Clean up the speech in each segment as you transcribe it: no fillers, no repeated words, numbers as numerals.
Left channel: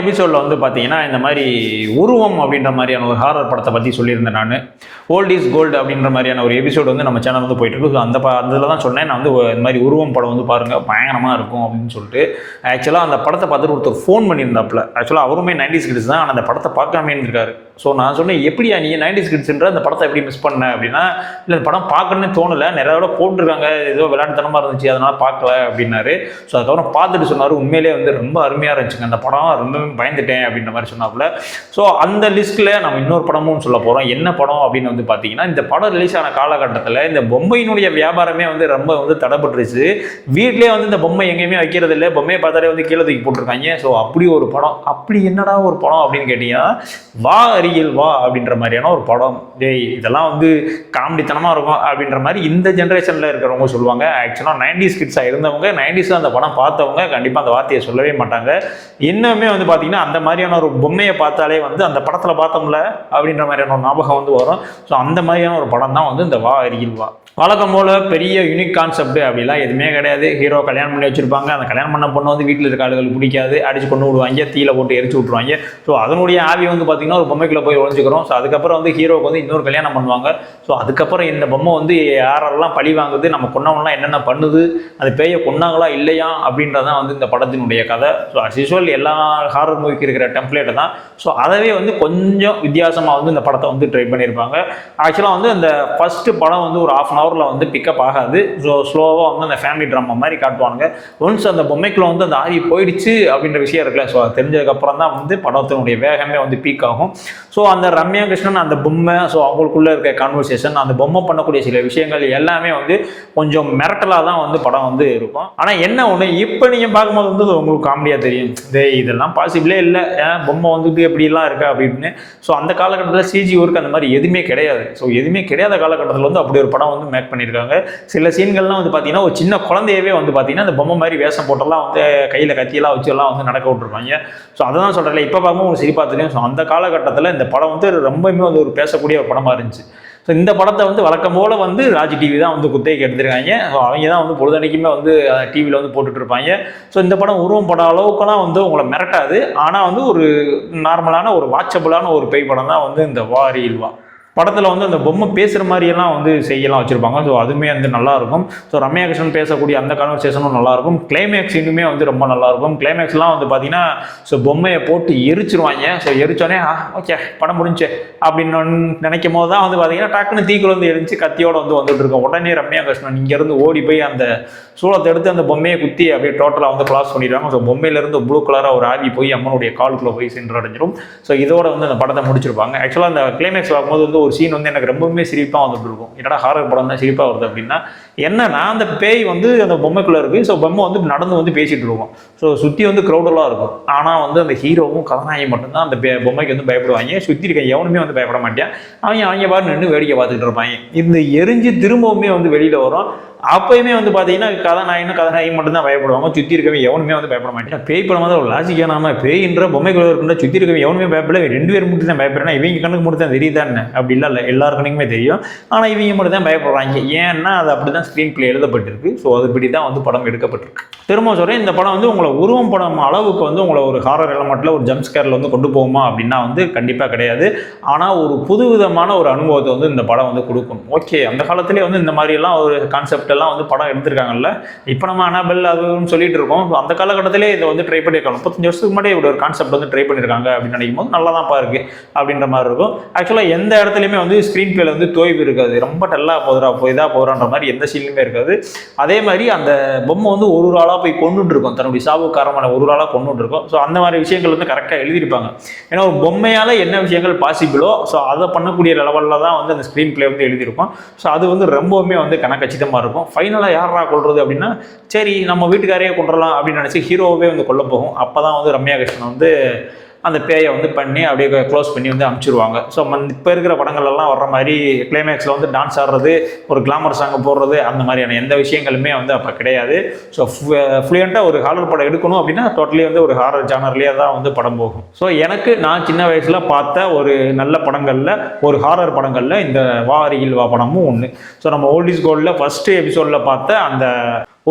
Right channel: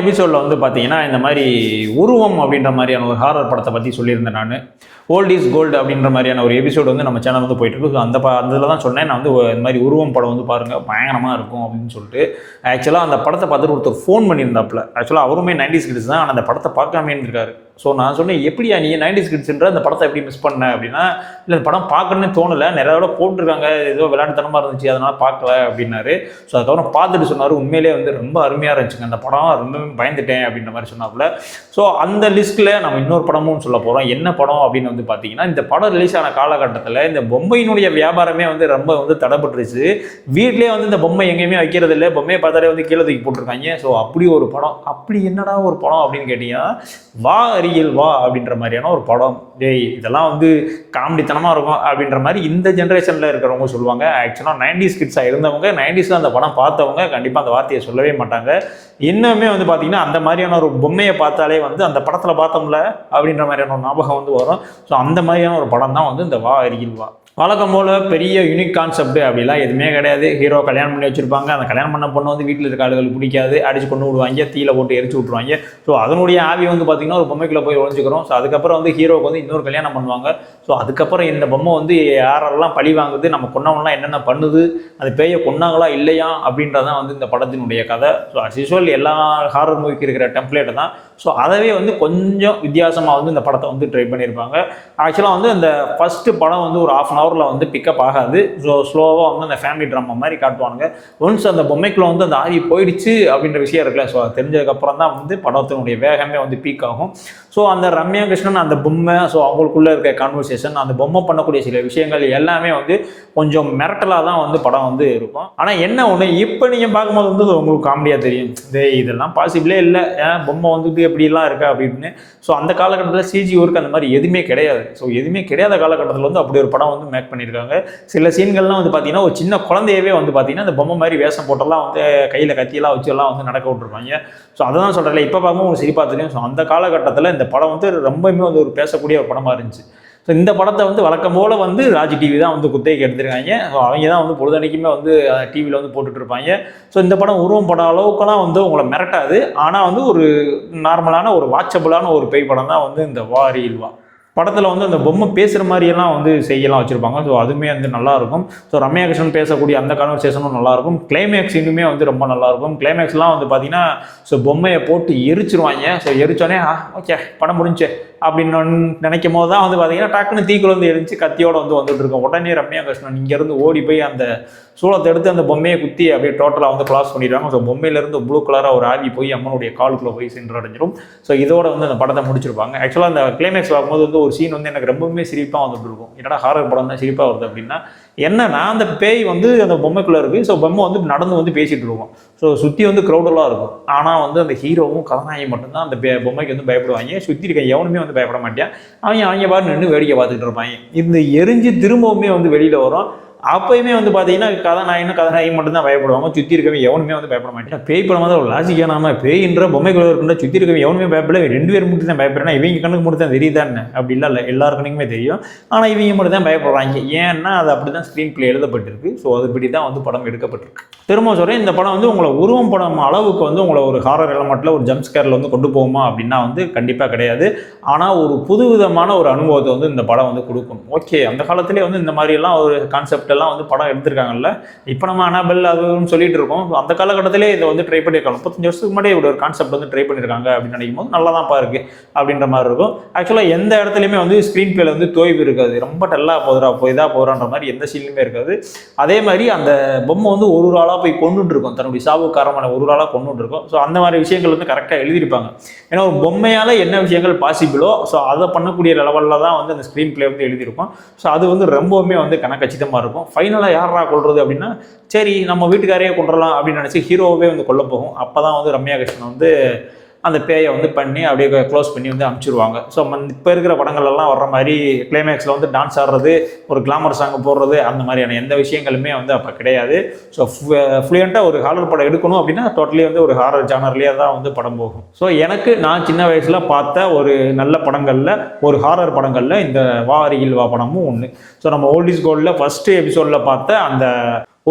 எபிசோடில் வந்து பார்த்தீங்கன்னா இந்த மாதிரி உருவம் அப்படின்ற மாதிரியான ஒரு ஹாரர் படத்தை பற்றி சொல்லியிருந்தேன் நான். ஓல்ட் இஸ் கோல்டு அப்படின்ற மாதிரியான ஒரு எபிசோடு வந்து நம்ம சேனல் வந்து போயிட்டு இருக்கு. ஸோ அதில் தான் சொன்னேன் நான் வந்து இந்த மாதிரி உருவம் படம் வந்து பாருங்கள் பயங்கரமாக இருக்கும் அப்படின்னு சொல்லிட்டு. ஆக்சுவலாக அந்த படத்தை பார்த்துட்டு ஒருத்தர் ஃபோன் பண்ணியிருந்தாப்புல. ஆக்சுவலாக அவருமே 90s கிட்ஸ் தான், ஆனால் அந்த படத்தை பார்க்காம இருந்திருக்காரு. ஸோ நான் சொன்னேன், எப்படியா நீ 90s கிட்ஸ்ன்ற அந்த படத்தை எப்படி மிஸ் பண்ண அப்படின்னா, இல்லை படம் பார்க்கணுன்னு தோணலை, நிறைய தடவை போட்டிருக்காங்க, ஏதோ விளையாட்டுத்தனமாக இருந்துச்சு அதனால் பார்க்கல அப்படின்னாரு. ஸோ அதுக்கப்புறம் பார்த்துட்டு சொன்னார், உண்மையிலே வந்து ரொம்ப அருமையாக இருந்துச்சுங்க அந்த படம், ரொம்பவே பயந்துட்டேன் அப்படின்ற மாதிரி சொன்னாப்புல. ஸோ அந்த லிஸ்ட்டில் நம்ம இன்னொரு படமும் சொல்ல போகிறோம். என்ன படம் அப்படின்னு வந்து பார்த்தீங்கன்னா, இந்த படம் ரிலீஸ் ஆன காலகட்டத்தில் இந்த பொம்மையினுடைய வியாபாரமே வந்து ரொம்ப வந்து தடைப்பட்டுருச்சு. வீட்டிலே வந்து இந்த பொம்மை எங்கேயுமே வைக்கிறது இல்லை, பொம்மையை பார்த்தாலே வந்து கீழே தூக்கி போட்டிருக்காங்க. ஸோ அப்படி ஒரு படம், அப்படி என்னடா ஒரு படம் அப்படின்னு கேட்டீங்கன்னா, வா அருகில் வா அப்படின்ற மாதிரியான ஒரு படம். இதெல்லாம் வந்து காமெடித்தனமாக இருக்கும் அப்படின்ற மாதிரி இந்த ஜென்ரேஷனில் இருக்கிறவங்க சொல்லுவாங்க. ஆக்சுவலாக 90s கிட்ஸாக இருந்தவங்க, 90s அந்த படம் பார்த்தவங்க கண்டிப்பாக அந்த வார்த்தையை சொல்லவே மாட்டாங்க. இன்னுமே வந்து பார்த்தீங்கன்னா அந்த மாதிரியான ஒரு பொம்மையை பார்த்தாலே வந்து அந்த படத்தில் பார்த்தோம்ல அப்படின்ற மாதிரியான ஒரு ஞாபகம் வந்து வரும். ஸோ அந்த மாதிரியான ஒரு படம் தான் வந்து இந்த வா அருகில் வா. வழக்கம் போல் பெரிய யூனிக் கான்செப்ட் அப்படிலாம் எதுவுமே கிடையாது. ஹீரோ கல்யாணம் பண்ணி வச்சுருப்பாங்க, அந்த கல்யாணம் பண்ண பொண்ணு வந்து வீட்டில் இருக்க ஆளுகளுக்கு பிடிக்காது, அடிச்சு கொண்டு விடுவாங்க, தீயில போட்டு எரிச்சு விட்ருவாங்க. ஸோ அதனுடைய ஆவி வந்து பார்த்திங்கன்னா ஒரு பொம்மைக்குள்ளே போய் ஒழிஞ்சிக்கிறோம். ஸோ அதுக்கப்புறம் வந்து ஹீரோக்கு வந்து இன்னொரு கல்யாணம் பண்ணுவாங்க. ஸோ அதுக்கப்புறம் இந்த பொம்மை வந்து யாரெல்லாம் பழி வாங்குது, நம்ம கொன்னவங்களாம் என்னென்ன பண்ணுது, அது பேயை கொன்னாங்களா இல்லையா அப்படின்றதான் வந்து இந்த படத்தினுடைய கதை. ஸோ அஸ் யூஸ்வல் எல்லா ஹாரர் மூவிக்கு இருக்கிற டெம்ப்ளேட்டை தான். ஸோ அதவே வந்து கொஞ்சம் வித்தியாசமாக வந்து இந்த படத்தை வந்து ட்ரை பண்ணியிருப்பாங்க. ஆக்சுவலாக வந்து அந்த ஃபஸ்ட்டு படம் வந்து ஒரு 1/2 hour வந்து பிக்கப் ஆகாது. ஸோ ஸ்லோவாக வந்து அந்த ஃபேமிலி ட்ராமா மாதிரி காட்டுவாங்க. ஒன்ஸ் அந்த பொம்மைக்குள்ள வந்து அந்த ஆரி போயிடுச்சு அப்படின்ற விஷயம் இருக்குல்ல, ஸோ அது தெரிஞ்சதுக்கப்புறம் தான் வந்து படத்தினுடைய வேகமே வந்து பீக் ஆகும். ஸோ அந்த ரம்யா கிருஷ்ணன் அந்த பொம்மை, ஸோ அவங்களுக்குள்ளே இருக்க கான்வர்சேஷன், அந்த பொம்மை பண்ணக்கூடிய சில விஷயங்கள் எல்லாமே வந்து கொஞ்சம் மிரட்டலாக தான் வந்து படம் வந்து இருக்கும். ஆனால் என்ன ஒன்று, இப்போ நீங்கள் பார்க்கும்போது வந்து உங்களுக்கு காமெடியாக தெரியும், இதெல்லாம் பாசிபிளே இல்லை, பொம்மை வந்துட்டு எப்படிலாம் இருக்கா அப்படின்னு. ஸோ அந்த காலகட்டத்தில் சிஜி ஒர்க் அந்த மாதிரி எதுவுமே கிடையாது. ஸோ எதுவுமே கிடையாத காலகட்டத்தில் வந்து அப்படி ஒரு படம் வந்து மேக் பண்ணியிருக்காங்க. சில சீன்கள்லாம் வந்து பார்த்தீங்கன்னா ஒரு சின்ன குழந்தையவே வந்து பார்த்தீங்கன்னா அந்த பொம்மை மாதிரி வேஷம் போட்டெல்லாம் வந்து கையில் கத்தியெல்லாம் வச்சு எல்லாம் வந்து நடக்க விட்டுருப்பாங்க. ஸோ அதான் சொல்கிறேன், இப்போ பார்க்கும்போது ஒரு சிரிப்பாக தெரியும். ஸோ அந்த காலகட்டத்தில் இந்த படம் வந்து ரொம்பவுமே வந்து ஒரு பேசக்கூடிய ஒரு படமாக இருந்துச்சு. ஸோ இந்த படத்தை வந்து வழக்கம் போல் வந்து ராஜ் டிவி தான் வந்து குத்தகைக்கு எடுத்துருக்காங்க. ஸோ அவங்க தான் வந்து பொழுதன்னைக்குமே வந்து டிவியில் வந்து போட்டுட்டு இருப்பாங்க. ஸோ இந்த படம் உருவம் படம் அளவுக்குலாம் வந்து உங்களை மிரட்டாது. ஆனால் வந்து ஒரு நார்மலான ஒரு வாட்சபிளான ஒரு பேய் படம் தான் வந்து இந்த வா அருகில் வா. படத்தில் வந்து அந்த பொம்மை பேசுகிற மாதிரியெல்லாம் வந்து செய்யலாம் வச்சுருப்பாங்க. ஸோ அதுவுமே வந்து நல்லாயிருக்கும். ஸோ ரம்யா கிருஷ்ணன் பேசக்கூடிய அந்த கான்வர்சேஷனும் நல்லாயிருக்கும். கிளைமேக்ஸ் இன்னுமே வந்து ரொம்ப நல்லாயிருக்கும். கிளைமேக்ஸ்லாம் வந்து பார்த்தீங்கன்னா ஸோ பொம்மையை போட்டு எரிச்சிருவாங்க. ஸோ எரிச்சோடனே ஓகே படம் முடிஞ்சு அப்படின்னு நினைக்கும் போது தான் வந்து பார்த்தீங்கன்னா டக்குன்னு தீக்குள்ள வந்து எரிஞ்சு கத்தியோடு வந்து வந்துட்டு இருக்கோம். உடனே ரம்யா கிருஷ்ணன் இங்கேருந்து ஓடி போய் அந்த சூளத்தை எடுத்து அந்த பொம்மையை குத்தி அப்படியே டோட்டலாக வந்து கிளாஸ் பண்ணிடுறாங்க. ஸோ பொம்மையிலேருந்து ப்ளூ கலராக ஒரு ஆவி போய் அம்மனுடைய காலுக்குள்ளே போய் சென்றடைஞ்சிடும். ஸோ இதோட வந்து அந்த படத்தை முடிச்சிருப்பாங்க. ஆக்சுவலாக அந்த கிளைமேக்ஸ் பார்க்கும்போது வந்து ஒரு சீன் வந்து எனக்கு ரொம்பவுமே சிரிப்பாக வந்துட்டு இருக்கும். என்னடா ஹாரர் படம் தான் சிரிப்பாக வருது அப்படின்னா, என்னன்னா அந்த பேய் வந்து அந்த பொம்மைக்குள்ளே இருக்குது. ஸோ பொம்மை வந்து நடந்து வந்து பேசிகிட்டு இருக்கும். ஸோ சுற்றி வந்து க்ரௌடெல்லாம் இருக்கும். ஆனால் வந்து அந்த ஹீரோவும் கதாநாயகி மட்டும்தான் அந்த பொம்மைக்கு வந்து பயப்படுவாங்க. சுற்றி இருக்க எவனுமே வந்து பயப்பட மாட்டேன். அவங்க பாட்டு நின்று வேடிக்கை பார்த்துக்கிட்டு இருப்பாங்க. இந்த எரிஞ்சு திரும்பவுமே வந்து வெளியில் வரும். அப்பயுமே வந்து பார்த்தீங்கன்னா கதாநாயகி மட்டும்தான் பயப்படுவாங்க. சுற்றி இருக்கவே எவனுமே வந்து பயப்பட மாட்டேன். பேய் படம் வந்து ஒரு லாஜிக்காக நாம பேய்ன்ற பொம்மைக்குள்ள இருக்குன்னா சுற்றி இருக்கவே எவனுமே பயப்பட, 2 பேர் மட்டும் தான் பயப்படுறேன்னா இவங்க கண்ணுக்கு மட்டும் தான் தெரியுதான்னு அப்படிலாம் இல்லை, எல்லார் கண்ணுக்குமே தெரியும். ஆனால் இவங்க மட்டும் தான் பயப்படுறாங்க. ஏன்னா அது அப்படி தான் ஸ்க்ரீன் பிளே எழுதப்பட்டிருக்கு. ஸோ அதுபடி தான் வந்து படம் எடுக்கப்பட்டிருக்கு. திரும்ப சொல்கிறேன், இந்த படம் வந்து உங்களை உருவம் படம் அளவுக்கு வந்து உங்களை ஒரு ஹாரர் எலமெண்ட்டில் ஒரு ஜம்ப் ஸ்கேரில் வந்து கொண்டு போகுமா அப்படின்னா வந்து கண்டிப்பாக கிடையாது. ஆனால் ஒரு புதுவிதமான ஒரு அனுபவத்தை வந்து இந்த படம் வந்து கொடுக்கும். ஓகே, அந்த காலத்திலே வந்து இந்த மாதிரிலாம் ஒரு கான்செப்ட் எல்லாம் வந்து படம் எடுத்திருக்காங்கல்ல. இப்போ நம்ம அனாபெல் அதுன்னு சொல்லிட்டு இருக்கோம். அந்த காலகட்டத்திலே இதை வந்து ட்ரை பண்ணியிருக்காங்க. 35 வருஷத்துக்கு முன்னாடி இப்படி ஒரு கான்செப்ட் வந்து ட்ரை பண்ணியிருக்காங்க அப்படின்னு நினைக்கும் போது நல்லா தான் இருக்கு அப்படின்ற மாதிரி இருக்கும். ஆக்சுவலாக எந்த இடத்துலையுமே வந்து ஸ்க்ரீன் பிளேல வந்து தோய்வு இருக்காது. ரொம்ப டல்லாக போகுதுன்ற மாதிரி எந்த சீன்லையுமே இருக்காது. அதே மாதிரி அந்த பொம்மை வந்து ஒரு ஆளாக போய் கொண்டுட்டு இருக்கும், தன்னுடைய சாவு காரணமான ஒரு ஆளாக கொண்டுட்டு இருக்கும். ஸோ அந்த மாதிரி விஷயங்கள் வந்து கரெக்டாக எழுதியிருப்பாங்க. ஏன்னா ஒரு பொம்மையால் என்ன விஷயங்கள் பாசிபிளோ ஸோ அதை பண்ணக்கூடிய லெவலில் தான் வந்து அந்த ஸ்க்ரீன் பிளே வந்து எழுதியிருக்கும். ஸோ அது வந்து ரொம்பவுமே வந்து கணக்கச்சிதமாக இருக்கும். ஃபைனலாக யாரா கொள்வது அப்படின்னா, சரி நம்ம வீட்டுக்காரையே கொண்டுடலாம் அப்படின்னு நினச்சி ஹீரோவே வந்து கொல்ல போகும். அப்போ தான் வந்து ரம்யா கிருஷ்ணன் வந்து அந்த பேயை வந்து பண்ணி அப்படியே க்ளோஸ் பண்ணி வந்து அனுப்பிச்சிருவாங்க. ஸோ இப்போ இருக்கிற படங்கள்லாம் வர்ற மாதிரி கிளைமேக்ஸில் வந்து டான்ஸ் ஆடுறது, ஒரு கிளாமர் சாங்கை போடுறது, அந்த மாதிரியான எந்த விஷயங்களுமே வந்து அப்போ கிடையாது. ஸோ ஃப்ளூயண்ட்டாக ஒரு ஹாரர் படம் எடுக்கணும் அப்படின்னா டோட்டலி வந்து ஒரு ஹாரர் ஜானர்லேயே தான் வந்து படம் போகும். ஸோ எனக்கு நான் சின்ன வயசில் பார்த்த ஒரு நல்ல படங்களில், ஒரு ஹாரர் படங்களில் இந்த வா அருகில் வா படமும் ஒன்று. ஸோ நம்ம ஓல்ட் இஸ் கோல்டில் ஃபஸ்ட்டு எபிசோடில் பார்த்த அந்த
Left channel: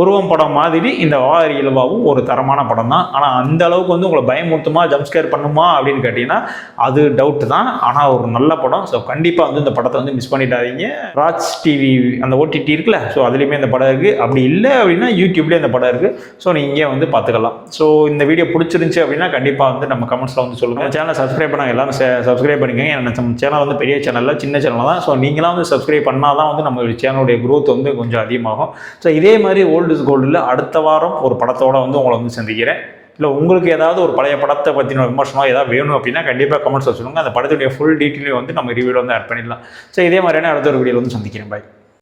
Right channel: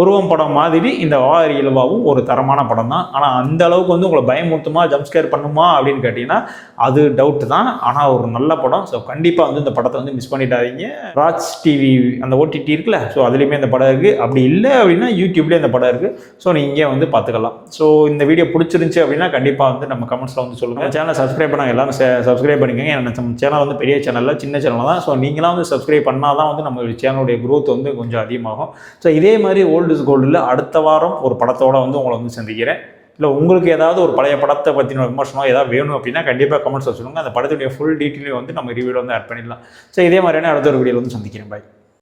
உருவம் படம் மாதிரி இந்த வா இயல்பாவும் ஒரு தரமான படம் தான். ஆனால் அந்த அளவுக்கு வந்து உங்களை பயமுறுத்துமா ஜம்ப்ஸ்கேர் பண்ணுமா அப்படின்னு கேட்டிங்கன்னா அது டவுட் தான். ஆனால் ஒரு நல்ல படம். ஸோ கண்டிப்பாக வந்து இந்த படத்தை வந்து மிஸ் பண்ணிடாதீங்க. ராஜ் டிவி அந்த ஓடிடி இருக்குல்ல, ஸோ அதுலேயுமே இந்த படம் இருக்குது. அப்படி இல்லை அப்படின்னா யூடியூப்லேயே இந்த படம் இருக்குது. ஸோ நீங்கள் வந்து பார்த்துக்கலாம். ஸோ இந்த வீடியோ பிடிச்சிருந்துச்சி அப்படின்னா கண்டிப்பாக வந்து நம்ம கமெண்ட்ஸில் வந்து சொல்லுங்கள். நம்ம சேனலை சப்ஸ்கிரைப் பண்ணாங்க எல்லாரும் சப்ஸ்கிரைப் பண்ணிக்கோங்க. நம்ம சேனல் வந்து பெரிய சேனலில் சின்ன சேனல் தான். ஸோ நீங்களாம் வந்து சப்ஸ்கிரைப் பண்ணால் தான் வந்து நம்ம சேனலுடைய க்ரோத் வந்து கொஞ்சம் அதிகமாகும். ஸோ இதே மாதிரி ஓல்டு இஸ் கோல்டில் அடுத்த வாரம் ஒரு படத்தோடு வந்து உங்களை வந்து சந்திக்கிறேன். இல்லை உங்களுக்கு ஏதாவது ஒரு பழைய படத்தை பற்றின விமர்சனம் ஏதாவது வேணும் அப்படின்னா கண்டிப்பாக கமெண்ட்ஸில் சொல்லுங்கள். அந்த படத்துடைய ஃபுல் டீட்டெயிலையும் வந்து நம்ம ரிவ்யூவில் வந்து ஆட் பண்ணிடலாம். ஸோ இதே மாதிரியான அடுத்த ஒரு வீடியோவில் வந்து சந்திக்கிறேன். பாய்.